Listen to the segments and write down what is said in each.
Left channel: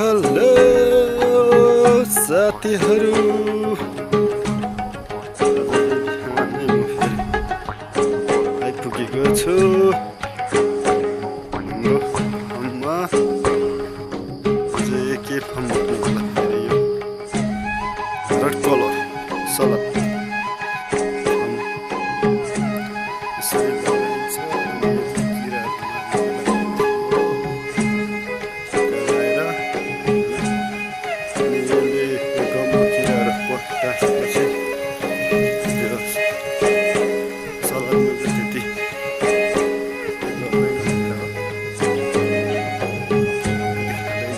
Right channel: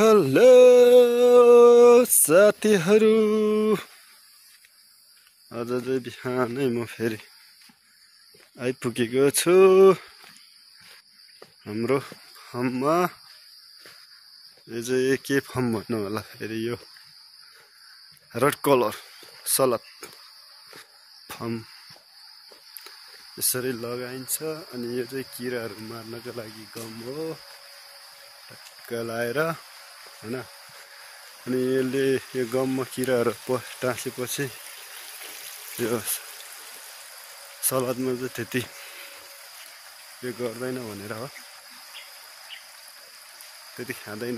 Hello साथीहरू, आज बिहानै म फेरि आइपुगेको छु हाम्रो फार्ममा। के फार्म भन्नु होला फेरि, यो रेड कलर सलाद फार्म यसरी लगाइन्छ। अनि यो चाहिँ किराहरू मार्नको लागि लगाएर, अनि यसले यो गममा किराहरू टाँसेपछि त्यो सलादमा चाहिँ त्यति गर्दैन भनेर हो, त्यति खाँदैन,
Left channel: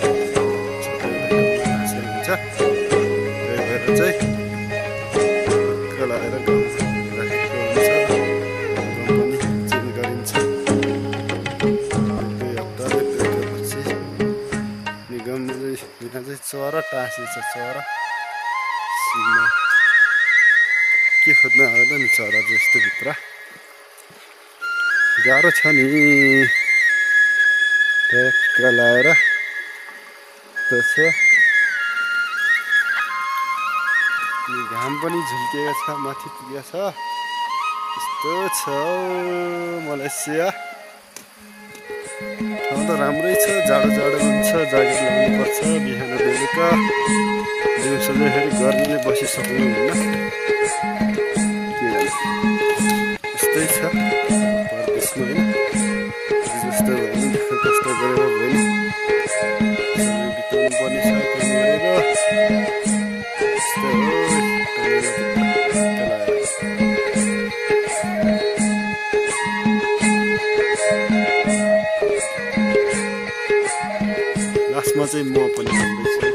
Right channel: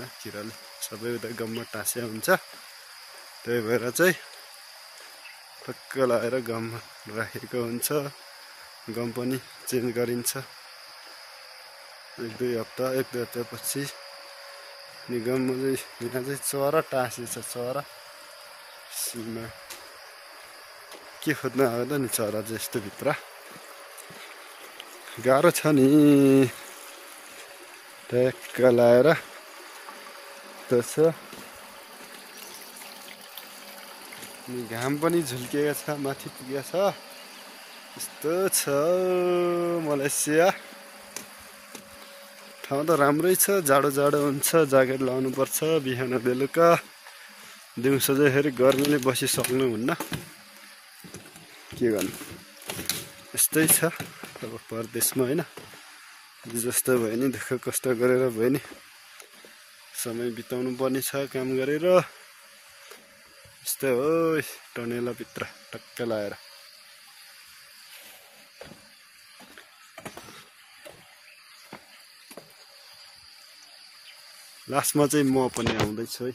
सबै गममा टाँसेर हुन्छ। त्यही भएर चाहिँ हक्क लगाएर गममा राखेको हुन्छ। गम पनि चेन्ज गरिन्छ एक दुई हप्तापछि। अनि गममा चाहिँ यहाँ चाहिँ चरा टाँसिन्छ। चरा सिमा के खोज्न आउँदैन नि, चरा चाहिँ यस्तो भित्र गाह्रो छ नि। ट्याक्क लाएर छ। अनि घाम पनि झुल्किएको छ, माथि पुगेको छ। यस्तो छ मलेसिया। ठाउँ त राम्रै छ, जाडो जाडो हुन्छ, ज्याकेट लगाउनु पर्छ बिहान बेलुका। दिउँसो चाहिँ फेरि गर्मीले बसिसक्नुहुन्न, के गर्नु, यस्तै छ परदेशमा होइन। जस्तो भयो नि, दुःख कष्ट गरेर भयो नि समय बिताउनु पर्ने छ काम गरेर। यस्तै हो टनेलाभित्र लगाएर। लास्टमा चाहिँ म पनि आउँदैछु।